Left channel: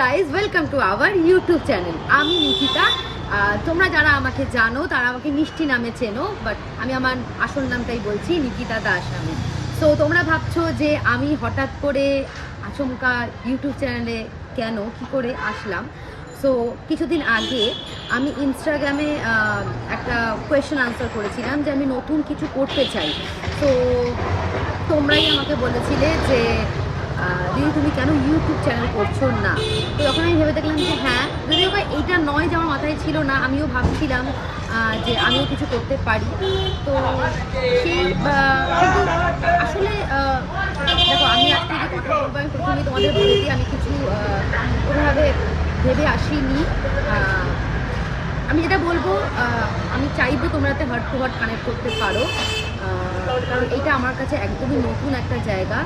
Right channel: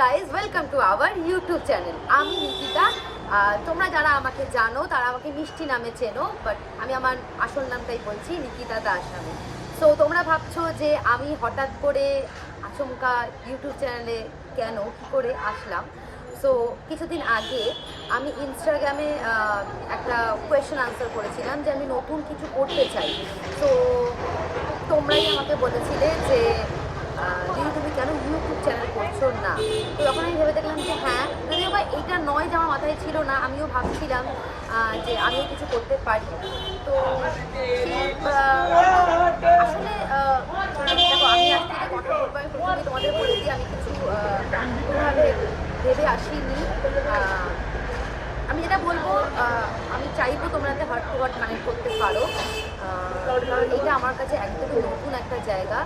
Guys, welcome to our YouTube channel. আমি নিকিতা। তোমরা যারা আমাকে জানো তারা আমাকে মিষ্টি নামে চেনো, বাট আমি আমার আসল নামটাই বলছি, নিকিতা দাস নামে। সো তোমরা ভাবছো যে আমি হঠাৎ করে আচমকা ইউটিউব চ্যানেলে কেন কী করে আসলাম। সো কিছুদিন আগে আমি ইনস্টাগ্রামে একটা কোয়েশ্চেন আনসার করেছিলাম যে আমি নতুন কিছু করতে চাই। তো তোমরাই আমাকে বলেছিলে যে দিদি তুমি কেন ইউটিউব চ্যানেল করছো না। তো তখন আমি ভেবে দেখলাম যে হ্যাঁ, যদিও বা এইটা নয় যে আমার মাথায় ছিল না, আমিও ভাবছিলাম যে আমিও কিছু করতে পারি। তো সেই কিন্তু আসলে দেখো, আমি আজকে যে কথা বলবো আমি প্রথমে তোমাদের বলে দিই, আমি কিছু ওইভাবে ভেবে আসিনি। আমি যেটা বলবো, আমি চাইবো তোমরা যাতে হার্ট টু হার্ট কানেক্ট করতে পারো, কারণ এটা আমার কাছে একদমই নতুন একটা জায়গা।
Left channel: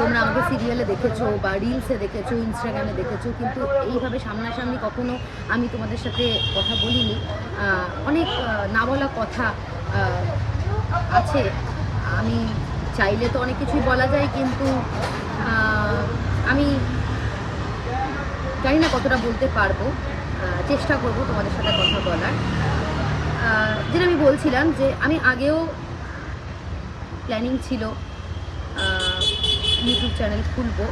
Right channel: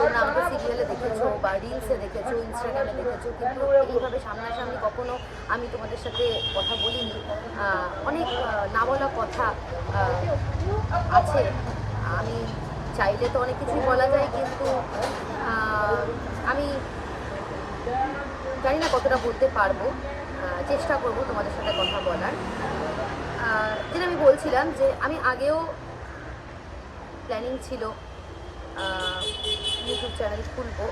তোমরা আমাকে সিরিয়ালে দেখেছো বা রিলসে দেখেছো, ইনস্টাগ্রামে দেখেছো, কিন্তু এইভাবে সামনাসামনি কখনো আমি তোমাদের সাথে কথা বলিনি। অনেক না বলা কথা আছে। আমি চাইলে তো অনেক কিছুই বলা যায়, কিন্তু আমি জানি না কতটা বলতে পারবো। চেষ্টা করব তোমাদের সাথে কথা বলার। যেটা আমি বলছিলাম যে আমি আগেও প্ল্যানিং ছিল ইউটিউব চ্যানেল খুলবো,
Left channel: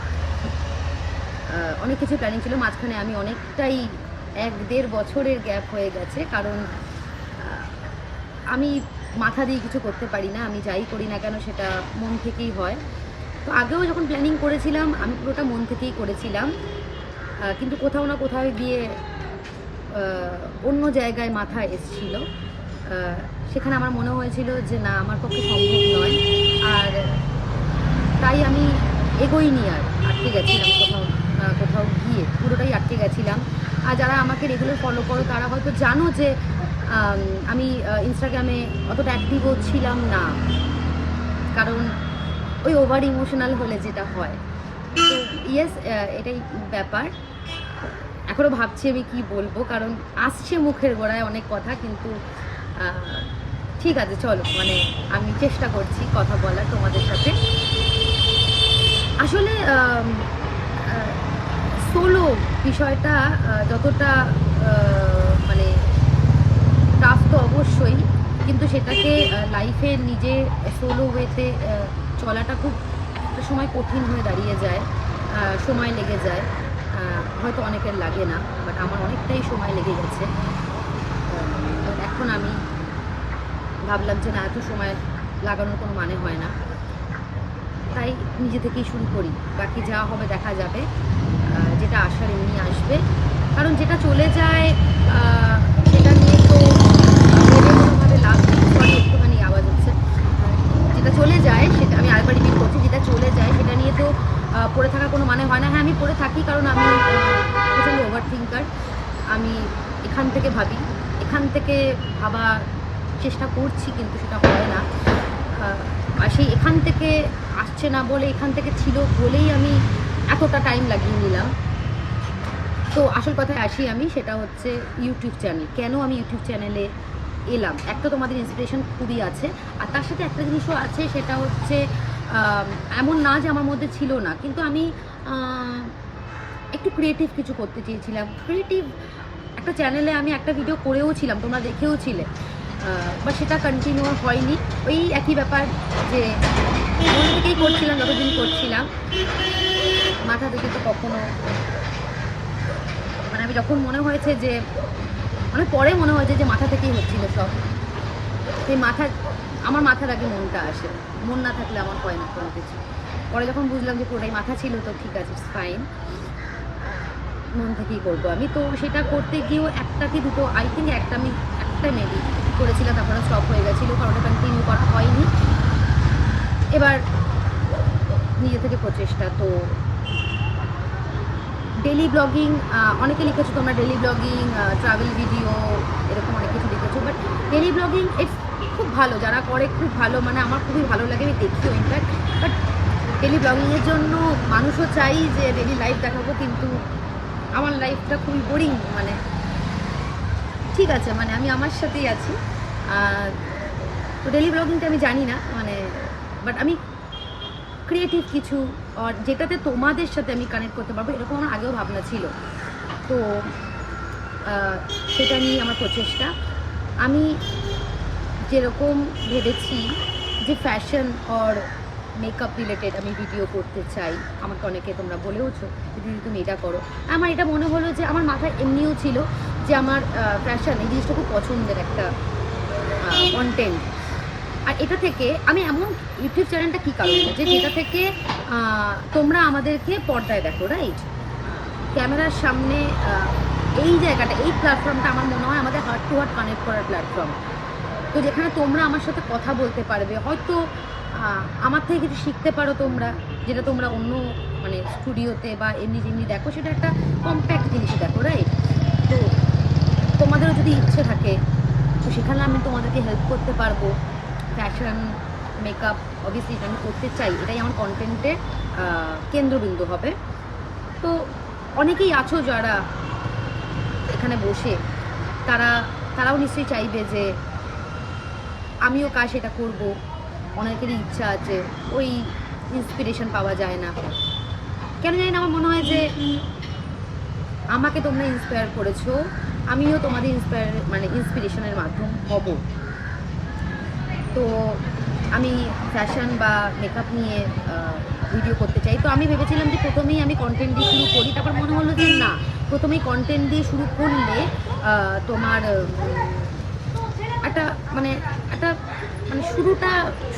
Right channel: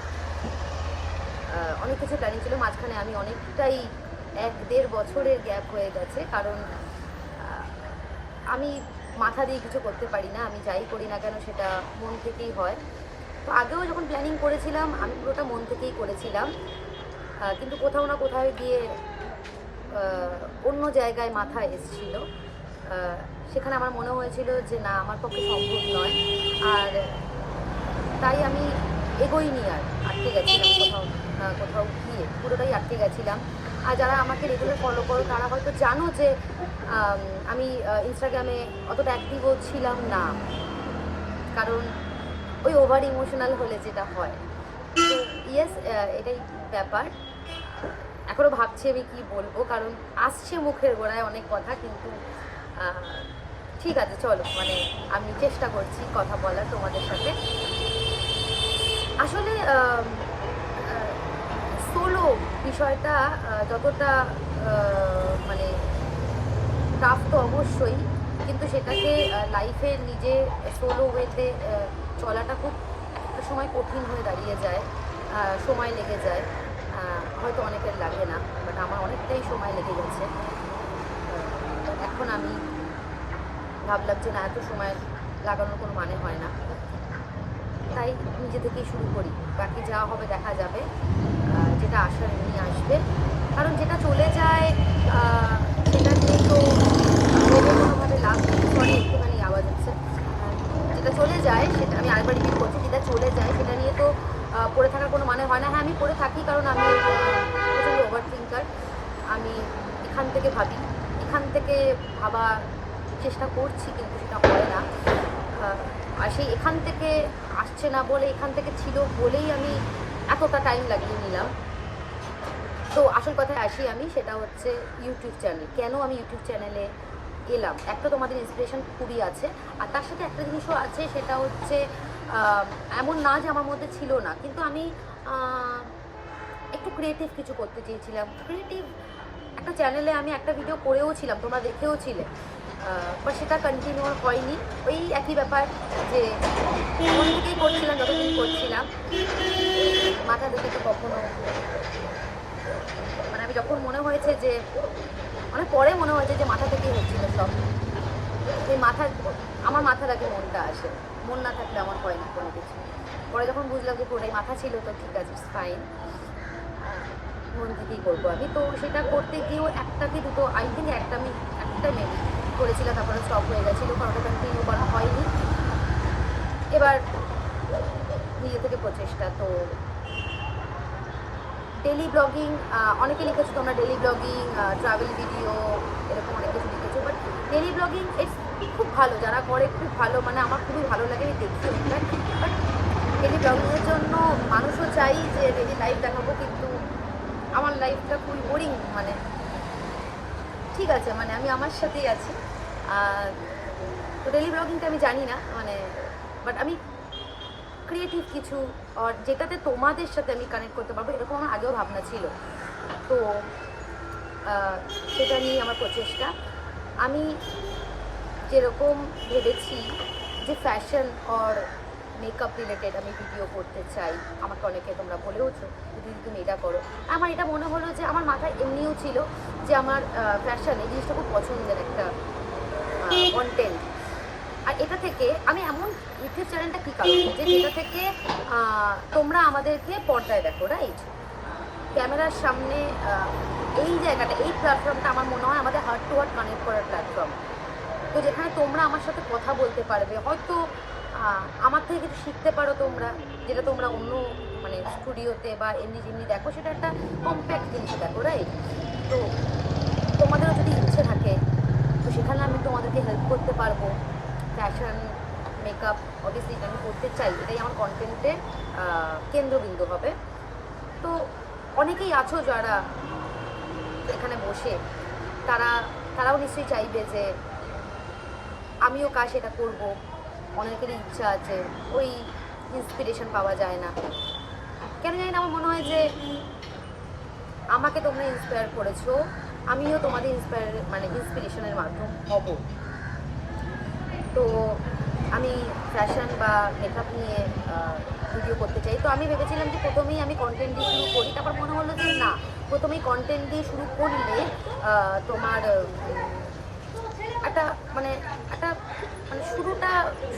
অনেক কিছু প্ল্যানিং ছিল। মাঝখানে আমি অনেকটাই 1-1.5 বছরের গ্যাপ হয়ে গেছে, কারণ আমি মাথা দিয়ে কিছু করতে পারি না। আমি যাই করি না কেন সেটা মন থেকেই হয়। তো আগেও যখন প্ল্যানিং করেছিলাম আমি পুরোটা মন থেকেই করেছিলাম, কিন্তু কোথাও না কোথাও গিয়ে অন্য জায়গায় মাথা এসেছিল। সেখানে আমার মনে হয়েছিল যে না, আমার পক্ষে সম্ভব নয়, আর তাই আমি এগোইনি, আর আটকে গেছিলাম কোথাও গিয়ে, পুরোটাই আটকে গেছিলাম। আর যারা আমাকে রেগুলার ফলো করো তারা হয়তো জানো যে আমি ইনস্টাগ্রামে অতটা অ্যাক্টিভও ছিলাম না, কারণ ওই ওভার ইমোশনাল হলে যেটা হয়। তো ইয়েস, এটাই ব্যাপার। এখনও ভাবছি আমি কি বলবো, কারণ আসছে মুখের গোড়ায় অনেক কথা, কিন্তু ঠিক আছে চলো, মানে আমি চেষ্টা করছি কথা বলার তোমাদের সাথে। আসলে সোলো বিষয়টা যতটা মানে টাফ তো অবশ্যই, কিন্তু সেটাকে লাইফে নিজে সোলো ওয়েতে চলাটা খুব একটা সময় কঠিন হয়ে দাঁড়িয়ে যায়, সময় লেগে যায়। হয়তো অনেকের লাগে না, বাট আমার অনেকটাই সময় লেগে গেছে। এখন আমি ভাবলাম যে না, এত সময় লাগানোর কোনো মানে হয় না, তাই নিজে থেকেই শুরু করি। বাকি যা হবে দেখা যাবে, যেটা আসার এমনি আসবে। কারণ যেটা চলে যায় সেটা নিয়ে তো ভেবে কোনোভাবে লাভ নেই। সরি, একটুখানি আওয়াজ হচ্ছে। যেটা চলে যায় সেটা, আমি আরেকবার রিপিট করছি, যেটা চলে যায় সেটা নিয়ে তো পড়ে থাকার কোনো মানে হয় না। হ্যাঁ, আমি পড়ে থাকি কারণ আমি প্রচণ্ড ওভার থিঙ্কার। আমি এখান থেকে ভাবি, এখান থেকে ভাবার চেষ্টা করছি, কিন্তু সেটা হয় না। আর সেই এখান থেকে আসছে না বলে, এখান থেকে ছিল বলেই আমি এতটা টাইম লাগিয়ে নিলাম। তো আসল কথায় আসি আমি, সেটা হচ্ছে ইউটিউব চ্যানেল। কেন আমি ইউটিউব চ্যানেলে এলাম, একটা তোমাদের ইন্সপিরেশন খুবই আছে, আর তার সাথে একটা জিনিসও আছে, সেটা হচ্ছে এমন না যে আমার মধ্যে ছিল না, কিন্তু আমি একটু ক্রিয়েটিভ কিছু করতে চেয়েছিলাম। ক্রিয়েটিভ একটা চ্যানেলে আমি একটা ভিডিও করেও ছিলাম, তোমরা দেখেও ছিলে, বাট সেটা কন্টিনিউ হয়নি। ওই একই ব্যাপার যে মন থেকেই করছিলাম, যতদিন করছিলাম মাথা থেকে তো কখনো, মানে আমি যখন মনে হয়েছে যে অনেক পরে মনে হয়েছে যে মাথা থেকেই হচ্ছিল সব, সেই আমার মাথার আগে মনটা আসে, মন না থাকলে আমার হয় না কোনো কিছু। পরে যখন বুঝলাম যে পুরোটাই মাথা ছিল, তো ঠিক আছে, ফাইন, মন থেকেই করবো আমি। তো সেটা করতে গিয়েও একটা কি দুটো, আই থিঙ্ক একটা মেবি করেছিলাম, তারপরে স্টপ হয়ে গেছিলো, কারণ কন্টিনিউ করা হয়নি। এবার নিজে থেকে প্রচেষ্টা। তো ডেলি ব্লগিং, অনেকে লিখেছো তোমরা ডেলি ব্লগিং, ট্রাভেল ভিডিও, এরকম অনেক কিছু লিখেছো, বাট ডেলি ব্লগিং ইটস খুব ভালো, যারা করে খুব ভালো, মানে আমার খুবই ভালো লাগে, আমি দেখিও ইনফ্যাক্ট। বাট ডেলি ব্লগিংয়ের জন্য মানুষও চাই যে ডেলি লাইফ দেখাবো, কিন্তু আমার লাইফটা খুবই বোরিং। মানে ঠিক আছে, মানে আমি আমার সাথেই আছি। তো ডেলি ব্লগিংটা আমি জানি না, মানে বাট আমি ক্রিয়েটিভ কিছু আর যেটাতে তোমাদের সাথে আমি কানেক্ট করতে পারবো, এরকম আমার আগেও ভাবনা ছিল। তো সেটা নিয়ে আমার প্রচেষ্টা। আমি যেরকম ভেবেছি যে ফ্যাশন আর মেকআপ রিলেটেড আমি ভিডিও করতে চাই, আমাকে অনেকে তোমরা বলেওছো দিদি তুমি এটা করো। আমার এটা মনে হলো যে আমার মাথায় এমনিও ছিল যে আমার ফ্যাশন এই জিনিসটা খুব পছন্দের একটা কন্টেন্ট। আর এটা থেকে আমি এমন ইউটিউব চ্যানেলটা কী কারণে যে যেটা থেকে তোমরা আমাদেরকে পর্দায় দেখো, রাইট? ক্যামেরার সামনে এই জায়গাটা, এই প্ল্যাটফর্মটা আমার মনে হয় আমাদের হার্ট টু হার্ট কানেক্ট করার প্ল্যাটফর্ম। তো যেখানে তোমরা আমার সাথে কথা বলতে পারবে, হয়তো আমার থেকে কিছু শিখতে পারো তোমরা, যেটা তোমরা অন্য মানে স্টুডিওতে বা এমনি যেমনি দেখো সেটা একটা কম্প্যাক্ট জিনিস দেখো, রাইট? তো তোমাদেরও যদি ইচ্ছে থাকে তো সেখানে আমি তোমাদেরকে হেল্প করতে পারবো। ফ্যাশন মেকআপ অবভিয়াসলি এটা আমি করতে চাই, এটাই আমার কন্টেন্টের কেন্দ্রবিন্দু হবে। তো অনেকেই আছো যারা এখানে বসে, তারাও নিশ্চয়ই চাইবে যে আমিও কাজ এটা করব। অনেকেরই ইচ্ছা আছে, ওই ইন্সপিরেশন পাওয়া যায় না, কেন জানি না। আমার মনে হয় যে আমাকে তোমরা ইন্সপায়ার করেছো, আমিও তোমাদের ইন্সপিরেশনের মাধ্যম হব। তো আমি ফ্যাশন বা মেকআপ নিয়ে ভিডিও করতে চাই। তো আমি ভেবেছিলাম যে প্রথমেই আমি কন্টেন্ট দিয়ে শুরু করি, তারপর মনে হলো যে না, প্রথমেই কন্টেন্ট দিয়ে শুরু করলে তোমার একটা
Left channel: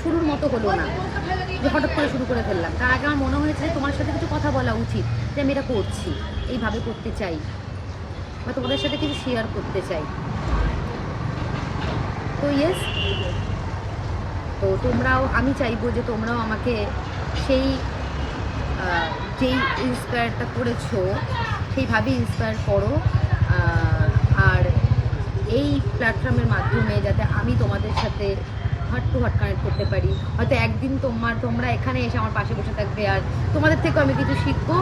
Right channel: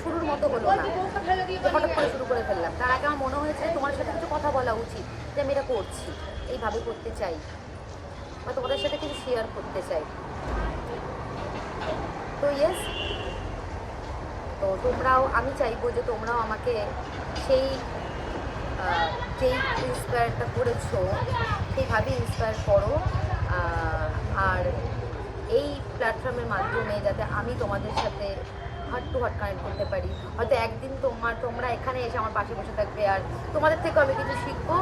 শুরুর মতো হলো না, যে হঠাৎ করে শুরু করে ফেললাম। তার আগে আমার মনে হয়েছে তোমার সাথে কিছু কথা বলা উচিত, যে আমি এটা করছি, এইভাবে করতে চাই, বা তোমাদের সাথে কিছু শেয়ার করতে চাই। তো ইয়েস, তো তোমরাও, আমি চাইবো যে তোমরাও আমাকে সেই যেই ইন্সপায়ারটা করেছো সেইভাবে ইন্সপায়ার করো। আর এই প্ল্যাটফর্মের মাধ্যমে যাতে আমি তোমাদের সাথে হার্ট টু হার্ট কানেক্ট করতে পারি। হয়তো একদিন তোমরা এখানে এসে আমার পাশে বসে থাকবে, আর তোমাদের থেকেও আমি কিছু শিখবো,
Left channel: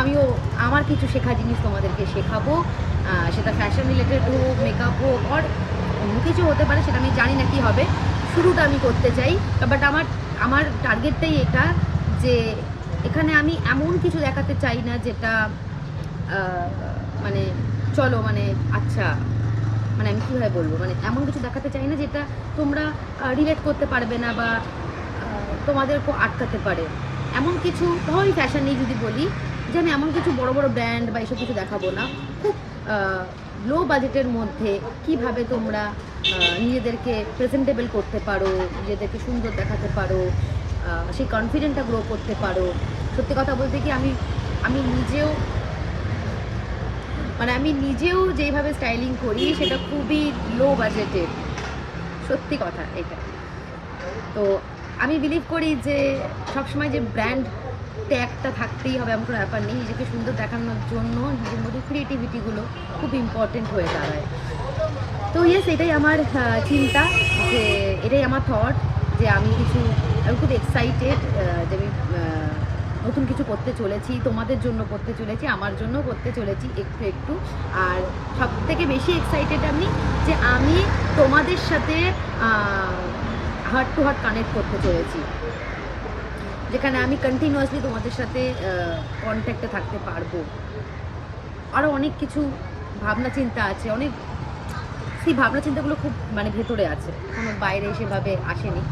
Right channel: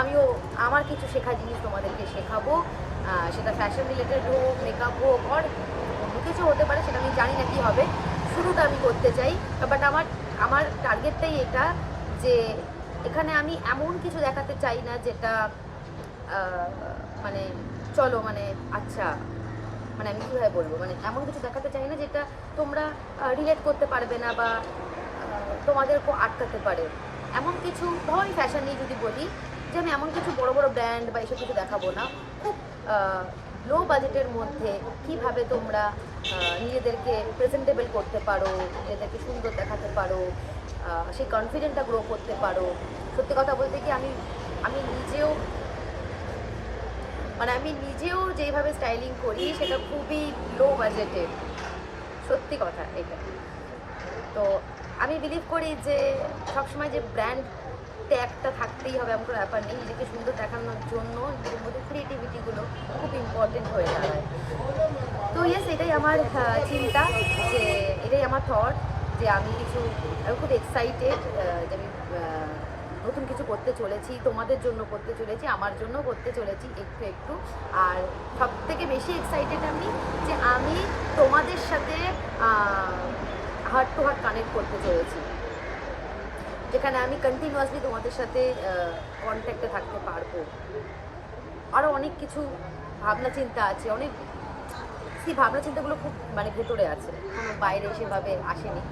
আমিও আমার কিছু শেখা জিনিস তোমাদেরকে শেখাবো। সেটা ফ্যাশন রিলেটেড হোক, মেকআপ হোক, আর অন্য কিছু হতে পারে, সেটা আমি জানি না কী হবে। শুরুটা আমি করতে চাই, বাট আমার টার্গেটটাই এটা, যে এখানে আমি এমন কিছু দেখাতে চাই না যেটা মানে চলো মানে আচ্ছা, মানে আমি কীভাবে বলবো, মানে এমন কিছু দেখাতে চাই না যেটা তোমরা রিলেট করতে পারবে না বা তোমাদেরকেও আটকাতে পারে। এমন কিছু, ধরো ফ্যাশন নিয়ে যদি বলি, যে আমি এমন কিছু বড় বড় ব্র্যান্ড বা এসব কিছু দেখাবো না। খুব লো বাজেটের মধ্যে কিভাবে তোমরা নিজেদেরকে প্রেজেন্টেবল করতে পারো, নিজেদেরকে সুন্দর দেখাতে পারো, সেই কনফিডেন্টটা গ্রো করতে পারো। সত্যি কথা বলতে কি আমি নিজেও যেভাবে স্টাইলিং করি সেটা খুবই লো বাজেটের, সত্যি কথা এটা। তো আমি বিলিভ করি যে সবসময় যে ব্র্যান্ড ট্যাগটা থাকতেই হবে এমন কোনো ব্যাপার নেই। নিজেকে সুন্দর দেখানোর জন্য নিজের মধ্যে ক্রিয়েটিভিটিগুলো খুব ইম্পর্টেন্ট হয়ে দাঁড়ায়। তো ইয়েস, এটাই আমার চিন্তা, যে এটাই আমার থট, যে আমি খুব এক্সাইটেড যে আমি নতুন কিছু করতে চলেছি, তোমাদের জন্য করতে চলেছি, আমার জন্য করতে চলেছি একটু একটু। আর সব থেকে বেশি এক্সাইটেড আমি যে আমি তোমাদের সাথে হার্ট টু হার্ট কানেক্ট করতে চলেছি, যেখানে আমি কন্টিনিউয়াসলি তোমাদের সাথে কন্ট্যাক্টে থাকতে পারবো। আরও অনেক কিছু ভাবনা চিন্তা আছে, সেই ভাবনা চিন্তাগুলো খুব ভেতরে আছে, কোনো বাইরে সেভাবে আসেনি।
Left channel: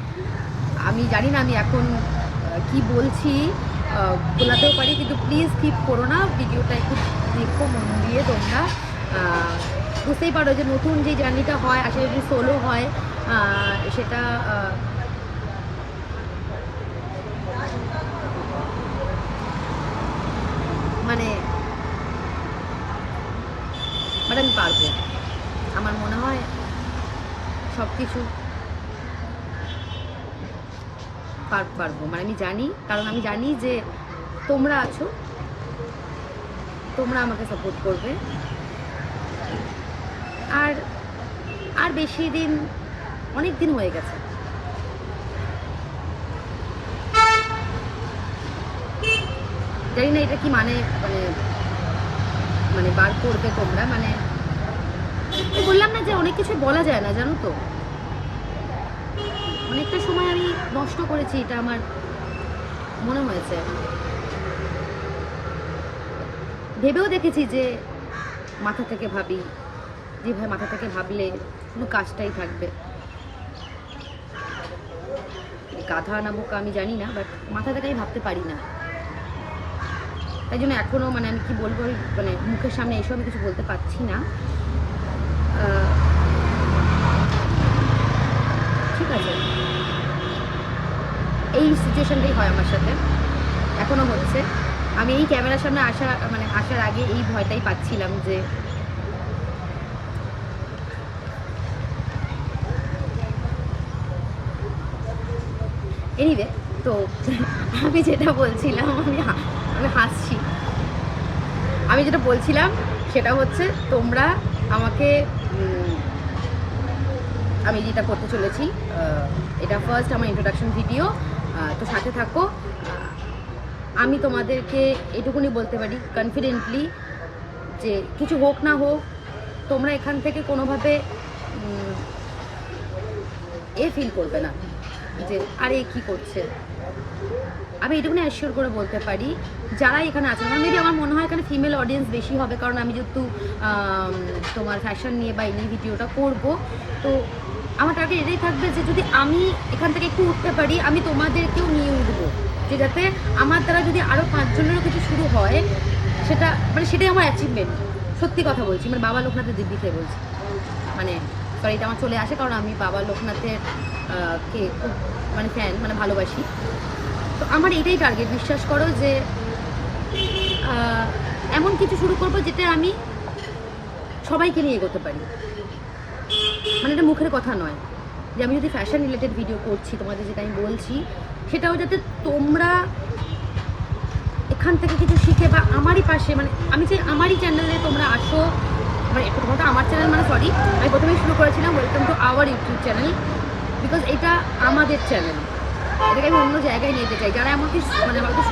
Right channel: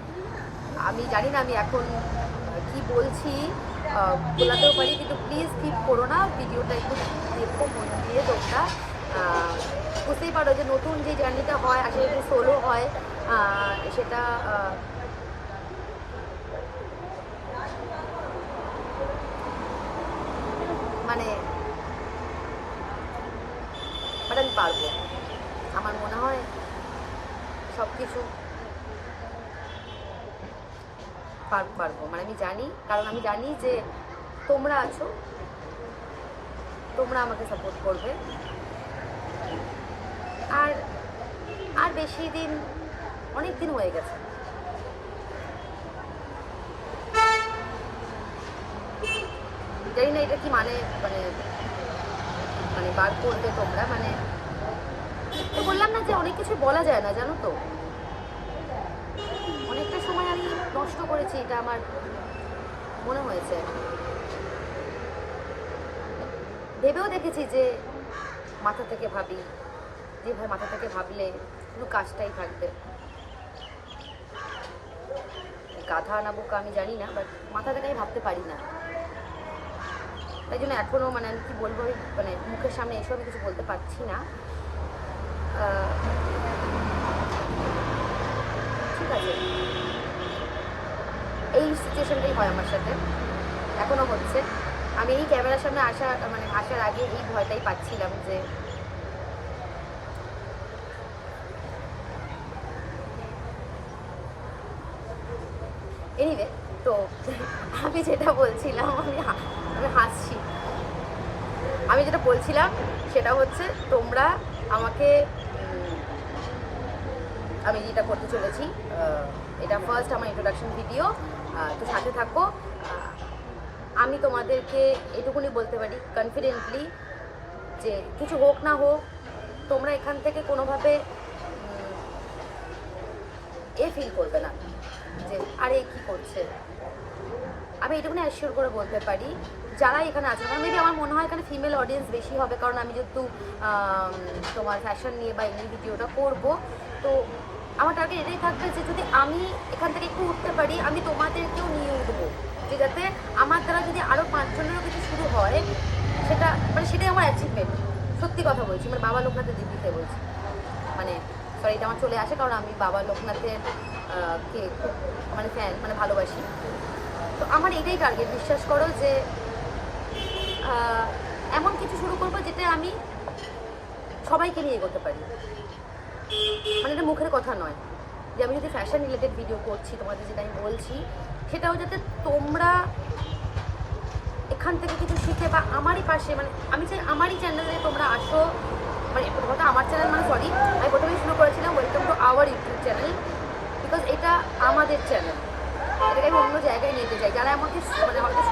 আমি জানি না আমি এখন কি বলছি, বলাতেও পারি, কিন্তু প্লিজ স্কিপ করো না, ভিডিওটা একটু দেখো মন দিয়ে। তোমরা বুঝতেই পারো যে নতুন যে জার্নিটা হয়, আসলে যদি সোলো হয় সেটা আমি পারবো। আমার মনে হয় সব কিছু পারবো, আমি জানি, কারণ আমি জানি যে তোমরা আছো, তোমরা আমাকে সাপোর্ট করবে। আর বেশি দিন, অনেক দিন হয়ে গেছে, জানি না এটা কি বার করবে তোমরা, বললাম না যে অনেক কিছু বলা যায় না, জানো তো। অনেকটা সময় আমি নষ্ট করেছি, এটা আমার মনে হয়েছে। ভেবেও দেখেছি যে মাথা থেকে ভাবি, যে ভাই মাথা থেকে ভাবলে কোনো কাজটাই থাকবে। গাধা না বোকা আমি জানি না, বাট মাথা থেকে আমি ভাবতে পারি না। তাই জন্য এখনও মানে আমি কি বলবো, মানে মুখের সামনে এসব আমি কিছু বলতে পারছি না। ঠিক আছে, এই সিচুয়েশনটাই হয় আমার সাথে, এখনও হচ্ছে। আমি এই ক্যামেরার সামনে আসার আগে এই ভয়টাই পাচ্ছিলাম যে এনিওয়ে। তো আমি যেটা বলছিলাম, আমি হাসছি। আমি যেটা বলছিলাম সেটা হচ্ছে, তোমরা আমাকে, আমি যেটা করতে চলেছি, এটা ফার্স্ট আমার ইন্ট্রোডাকশন ভিডিও, তো সাথে থাকো। আমি তোমাদেরকে এটুকুনি বলতে পারি কনফিডেন্টলি যে কিছু হোক না হোক, তোমরা এখান থেকে কোনোভাবে ফিল করবে না যে আরে কি করছে। আমি এটুকুনি অ্যাসিওর করে বলতে পারি যারা এখানে আছে, আমার মেবি আমার মনে হয় এখানে ফিমেল অডিয়েন্স বেশি হবে, কারণ আমি যেহেতু তোমার ফ্যাশন নিয়ে বা এই ভিডিওটা করব, তো আমার টার্গেট এটাই থাকবে যে যদি আমি এখান থেকে একটু উঠতে পারি, আমি তোমাদেরকেও নিয়ে উঠবো, যে যাতে আমার দ্বারা যদি আরও 5 জনেরও কিছু শুরু হয়, সেটাই আমার অ্যাচিভমেন্ট। সত্যি কথা বলছি, মানে বাবা লোকনাথের দিক থেকে বলছি, মানে সরি এটা আমার চলে আসে, কারণ আমি বাবা লোকনাথের কে খুব মানে ফ্যান, মানে ভালোবাসি। তো আমার এটাই টার্গেট, বিশ্বাস করো, যে এমন কিছু শুরু করবো যেটা আমি সবাইকে নিয়ে এগোতে পারি। মানে এটা মুখের কথা নয়, যে আমি যদি ফ্যাশন রিলেটেড ভিডিও করছি তোমাদের, যেটা আমি বলছি সেটাও যাতে তোমরা এখান থেকে কিছু শিখে বা আমারই পাশে, মানে আমি চাই আমারই চ্যানেলে তোমরা আসো। মানে একটু কথা, আমার চ্যানেল মানে সরি, আমি প্রথমেই শুরু করেছিলাম welcome to our YouTube channel, because এটা আমাদের চ্যানেল, এটাকে আমি অন্য জায়গায় নিতে চাই। যারা আমাকে মানে হয়তো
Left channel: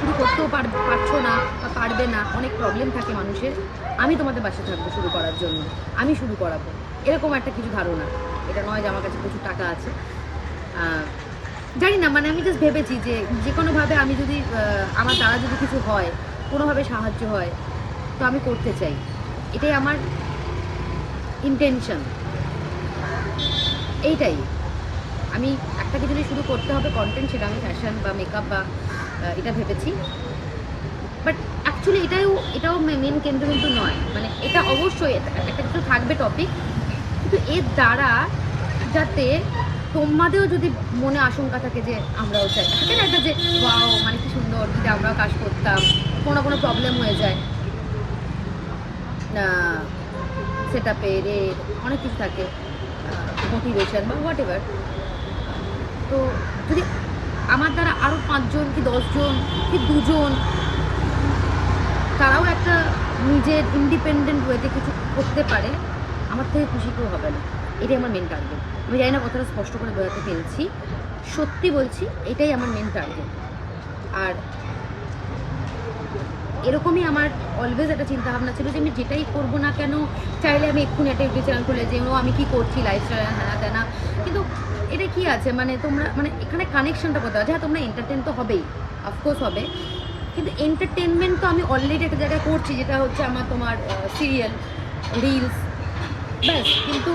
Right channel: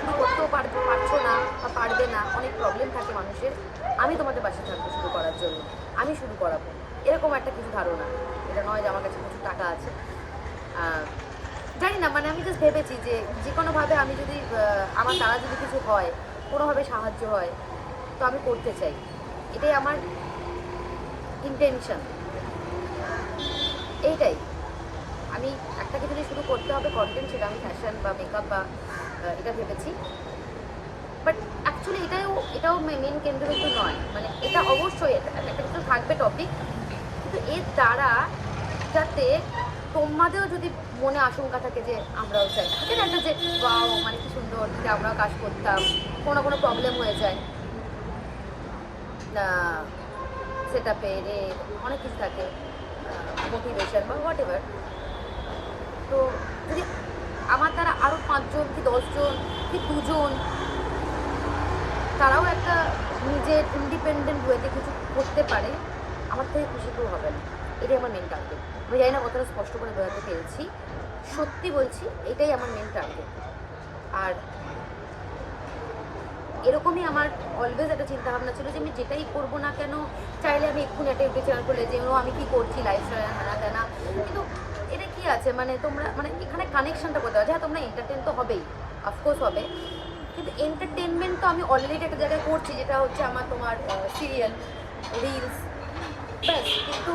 শুরু করতেও পারছো না বা পারবে না, অনেক প্রবলেম থাকে মানুষের, আমি তোমাদের পাশে থাকবো শুরু করার জন্য, আমি শুরু করাবো, এরকম একটা কিছু ধারণা। এটা নয় যে আমার কাছে প্রচুর টাকা আছে, জানি না, মানে আমি জাস্ট ভেবেছি যে কোনোভাবে আমি যদি আমার দ্বারা যদি কিছু হয়, কোনোভাবে সাহায্য হয়, তো আমি করতে চাই। এটাই আমার ইন্টেনশন, এইটাই। আমি একটা কিছু যদি শুরু করতে হবে কন্টেন্ট, সেটা আমি ফ্যাশন বা মেকআপ বা এটা ভেবেছি। বাট অ্যাকচুয়ালি এটাও মেন কেন্দ্র কিন্তু নয়, মানে এটা অবশ্যই একটা কিছু থাকবে টপিক, কিন্তু এর দ্বারা যাতে তোমাদেরও যদি মনে আশঙ্কা থাকে যে আমরাও চাই, থাকে না একটা যে ওয়াও মানে কি সুন্দর, যদি আমরাও কাজ করতাম, কোনো প্রবলেম হয়ে যায়, সেটআপে রেট অনেক কিছু থাকে, মোটিভেশন বা হোয়াট এভার। তো যদি আমার দ্বারা আরও 5 জন কি 10 জন কি 2 জন তারাও একটা নিজের ইন্ডিপেন্ডেন্ট ওয়েতে কিছু করতে পারে, আমার থেকে খুশি কেউ হবে না। এটাই আমার মেন টার্গেট। আমি জানি না কথাটা স্পষ্ট করে বোঝাতে পেরেছি, সত্যি বলছি, এটাই আমার মেন টার্গেট। আর এরকমই আমার অলওয়েজ একটা চিন্তাভাবনা ছিল যে আমি যেটাই করবো না কেন, চাইলে আমি এক্ষুনি একটা ইউটিউব চ্যানেল খুলে যে আমি কি করছি, লাইফস্টাইল হ্যানা তেনা, কিন্তু এটা কি আছে, মানে তোমরা মানে এখানে কানেকশনটা করতে হবে। হ্যাঁ, তোমরা এন্টারটেন তো হবেই, অফকোর্স হবে, কিন্তু এন্টারটেনমেন্ট তো আমি অলরেডি একটা জায়গায় করছি, যেটা হচ্ছে আমার তোমার সিরিয়াল, রিলস, ব্যাস। কিন্তু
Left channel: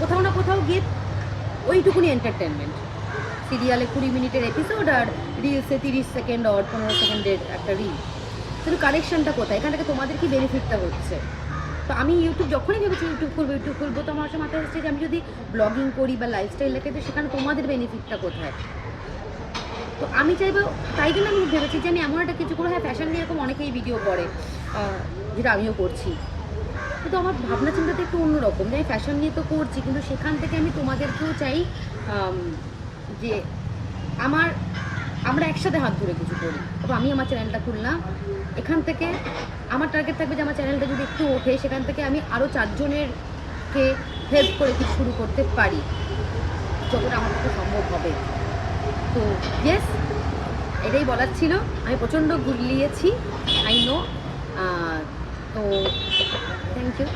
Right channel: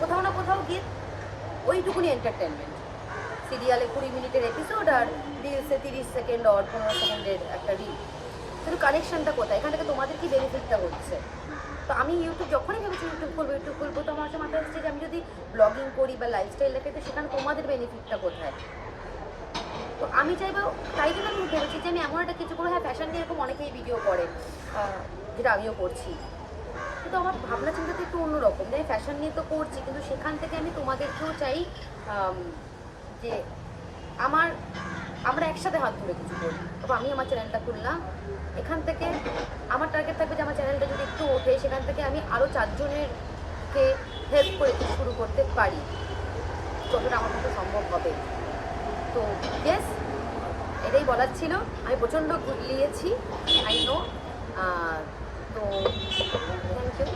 কোথাও না কোথাও গিয়ে ওইটুকুনি এন্টারটেনমেন্ট, সিরিয়ালে 20 মিনিটের এপিসোড আর রিলসে 30 সেকেন্ড আর 15 সেকেন্ডের একটা রিল, কিন্তু কানেকশনটা কোথায়, এখান থেকে তোমাদের কি বেনিফিটটা হচ্ছে। তো আমি যখনই ভেবেছি ইউটিউব করবো, তো আমার হচ্ছে মাথায় হচ্ছে যে আমি যদি ব্লগিং করি বা লাইফস্টাইল লেখে, তো সেখানে তোমাদের বেনিফিটটা কোথায়। তো আমি চাইবো, তাই জন্য আমি ভেবেছি যে আমি এমন একটা কিছু করে, হ্যাঁ ফ্যাশন নিয়ে এরকম অনেকেই ভিডিও করে, যেটা আমিও করছি, কিন্তু আমার ভাবনা চিন্তাটা একটু অন্যরকম, যে আমি ফ্যাশন নিয়ে তো করছি, কিন্তু সেখান থেকে আমি তোমাদেরকেও চাই যে আমরা একসাথে হাত ধরে কিছু করি। তবে আমি আমার চ্যানেলটা খুললাম, এখান থেকে আমার টার্গেট থাকবে যে আমার চ্যানেলটা যদি একটু ওঠে, সেখান থেকে আমি আরও 4 জনেরকে হেল্প করে কিছু শুরু করতে পারি, যতটা আমার পক্ষে সম্ভব হবে। তো ইয়েস, এটাই বলার ছিল। আমি প্রচণ্ড গুলিয়েছি, আই নো। তো থ্যাংক ইউ,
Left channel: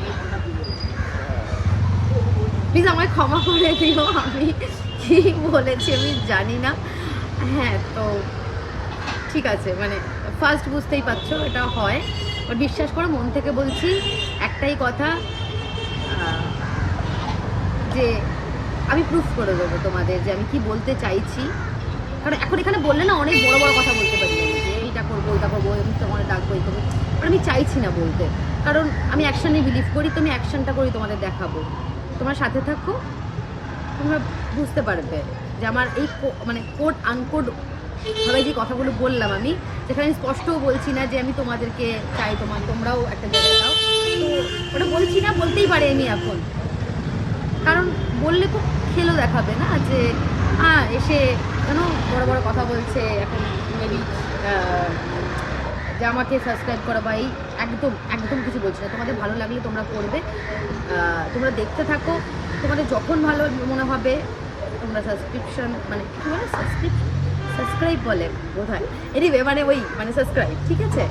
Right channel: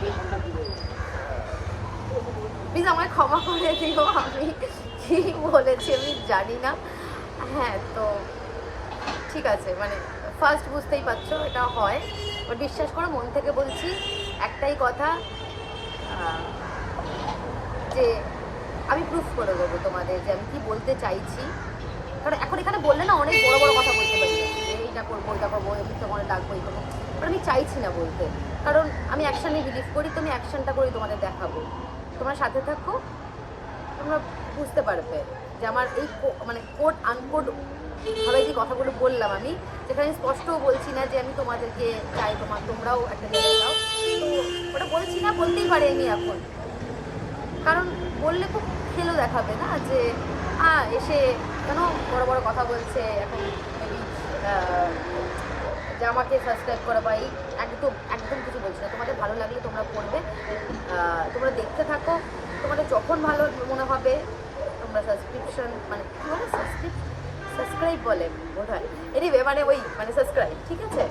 প্লিজ আমায় ক্ষমা করে দিও, আমি কি বলেছি আমি জানি না। হ্যাঁ, তো ঠিক আছে, মানে ফার্স্ট বুঝতেই পারছো এটা হয়, বাট বিশ্বাস করো মন থেকে বলছি একটাই কথা, যে আমি প্রুফ করে দেবো তোমাদের যে আমি কি বলতে চাইছি। কারণ এখন এখানে বললে না অনেক বড় বড় কথা বলতে পারি আমি, যে এইটা করবো ওইটা করবো, আমি তোমার ডাকবো এই করবো, বাট আমি চাইছি না বলতে। কারণ আমি অ্যাকশানে বিলিভ করি, তো আমি অ্যাকশানটা করি তোমাদের দেখাবো। তোমার সাথে থাকো, তোমরা বুঝতে পারবে যে আমার এই মানে কোড আনকোড ভাবে যে কথাগুলো বললাম আমি, যেখানে আমি স্পষ্টও বলছি না যে আমি তোমাদেরকে চাই তোমরাও একটা জায়গায় দাও, তো ওটা বলছি না, বলতেই পারি আমি এখন। কারণ বললে তো খেলেও দেখাবে না যে এসে কেন বড় বড় কথা বলছে এখন, মেবি যে আমাকে সাবস্ক্রাইব করা বা এই একদম একদম কিছু বলছি না। তোমাদের ভালো লাগলে তোমরা করবে, তোমরা দেখতে থাকো, তোমাদের যখন ভালো মনে হবে তোমরা সাবস্ক্রিপশন মানে কী বলে সাবস্ক্রাইব বলে বোধহয়, এনিওয়ে মানে ওই মানে সাবস্ক্রাইব, ঠিক আছে,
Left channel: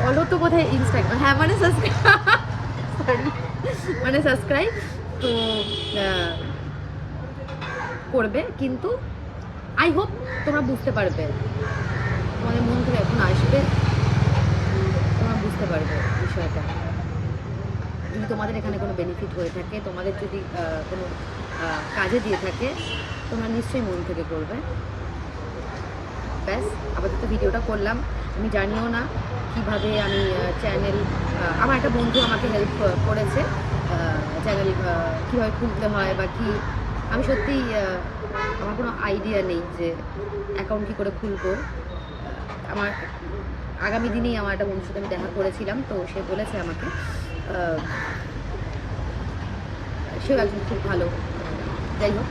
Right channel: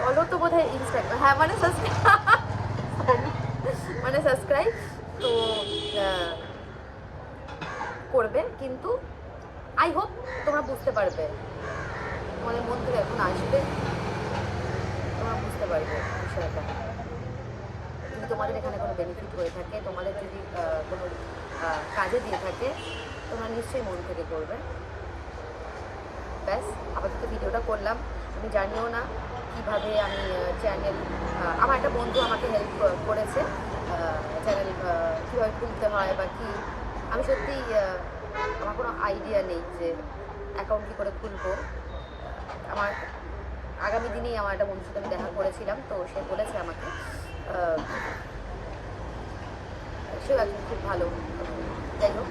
ফলো তো বোধহয় ইনস্টাগ্রাম, হ্যাঁ মানে সাবস্ক্রাইব মানে সাবস্ক্রাইব তো করবে। কিন্তু আই হোপ তোমরা বুঝতে পারবে, তোমাদের মন থেকে এখন আসবে, তোমরা বুঝতে পারবে বিষয়টা। যদি তোমাদের এখানে কোনো বেনিফিট হয়ে থাকে, তোমাদের যদি কোনো কাজে দিয়ে থাকে, তোমরা নিশ্চয়ই মন থেকে করবে। ব্যাস, আপাতত ভিডিওটা করলাম। আমি জানিও না কিভাবে আমি চ্যানেল, আমার একটা বন্ধু আমাকে হেল্প করেছে চ্যানেল কীভাবে খুলতে হয় বা কি, আমি সত্যিই আমার কোনো আইডিয়া নেই যে অ্যাকাউন্ট কী করে খুলবো। আমার আগামী দিনেই আমার একটা বন্ধুর সাথে আমি দেখা করেছিলাম, তো সে বলেছে আমাকে, সেও একজন খুব ভালো, যাই হোক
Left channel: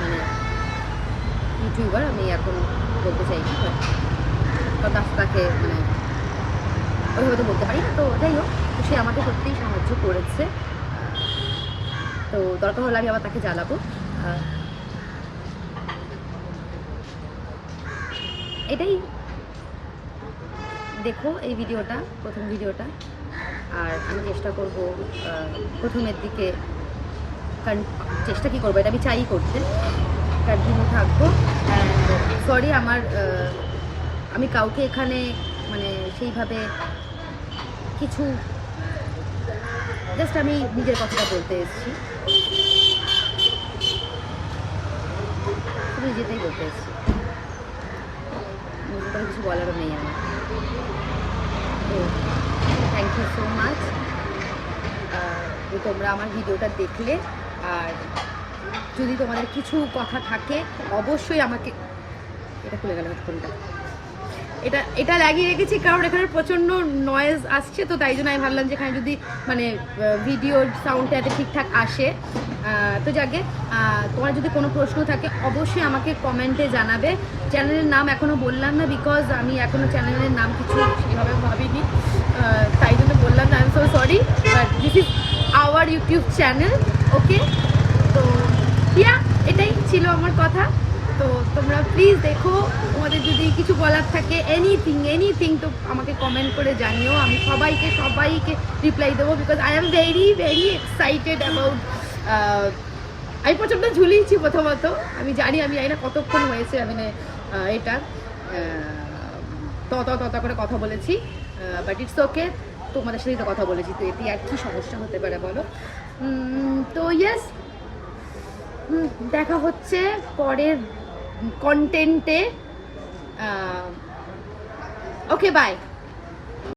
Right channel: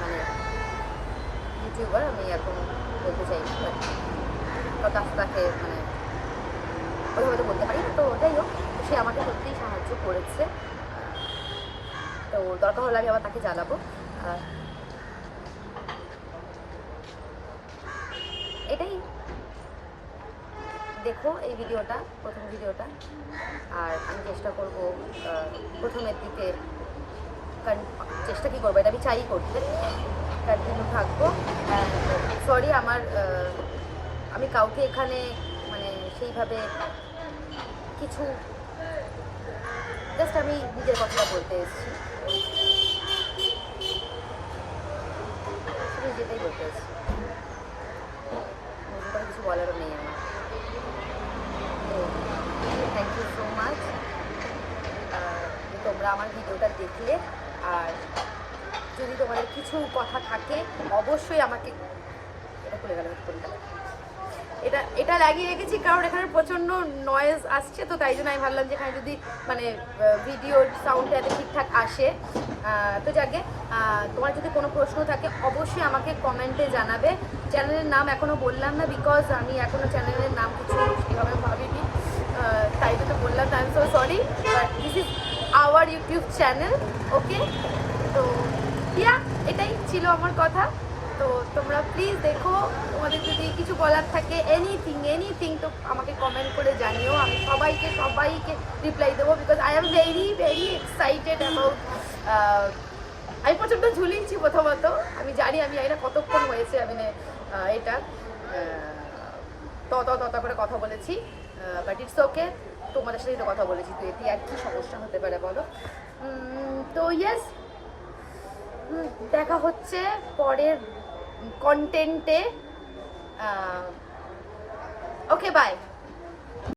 মানে ইউটিউবার, আমি এখন বলতে চাই না, বাট তাকে মানে ওইভাবে তো বলতে পারি না, তো যাই হোক সে আমাকে সত্যিই সাহায্য করেছে। তো দরকার হলে আমি আবার তাকে জ্বালাবো। এটাই, দেখো এই ভিডিওটা, প্রথম ভিডিওটা, আর আমি চেষ্টা করব প্রথমের দিকে, চেষ্টা কি করবো, এটা আমি চাই করতে, কন্টিনিউ থাকবো। অ্যান্ড সরি আমার আমি কাউকে এখানে মানে সেইভাবে কিছু, জাস্ট আমি নিজের কথাটা বলতে এসেছি, শুধু নিজেতেই বলতে এসেছি, করে কিছু বলারও নেই আমার। তো থ্যাংক ইউ সো মাচ যে তোমরা আমার ভিডিওটা দেখলে, আর যদি তোমাদের কিছু কথা থাকে অবশ্যই আমাকে, এটা খুলে গেল এটা লাগিয়ে রেখেছি কারণ এখানে প্রচণ্ড নয়েজ আসছে, তো তাই জন্য আমি ভাবলাম যে এখানে যদি মানে ভিডিওর সাউন্ডটা এতে ঠিকঠাক আসে। তো যাকে তোমার যদি কোনো প্রশ্ন থাকে অবশ্যই আমাকে কমেন্টে জানাবে। চ্যানেলের নাম এখনও বললাম না, বিকজ আমি এখনও চ্যানেলের নাম কিছু কীভাবে ভাবিনি, তাই জন্য বললাম না, I am so sorry, but this is our YouTube channel, okay. তো ইয়া, এটাই ছিল আমার কথা। তো তোমরা প্লিজ দেখো, তোমাদের যদি কিছু বলার থাকে এনিথিং তো আমাকে কমেন্ট করে জানিও, আমি সবাইকে রিপ্লাই দেবো, because I am very excited about, আমি প্রচণ্ড ঝুলিয়েছি প্রথমত, আমি জানি না কতক্ষণ হয়েছে আমি এটা তত করে কথা বলেছি, বাট ইটস ওকে, তোমাদের সাথেই তো কথা বলেছি, তো এটি আর কি সমস্যা হতে পারে বলো। তো ইয়েস, দেখা হচ্ছে পরের কন্টেন্টে, ওকে বাই।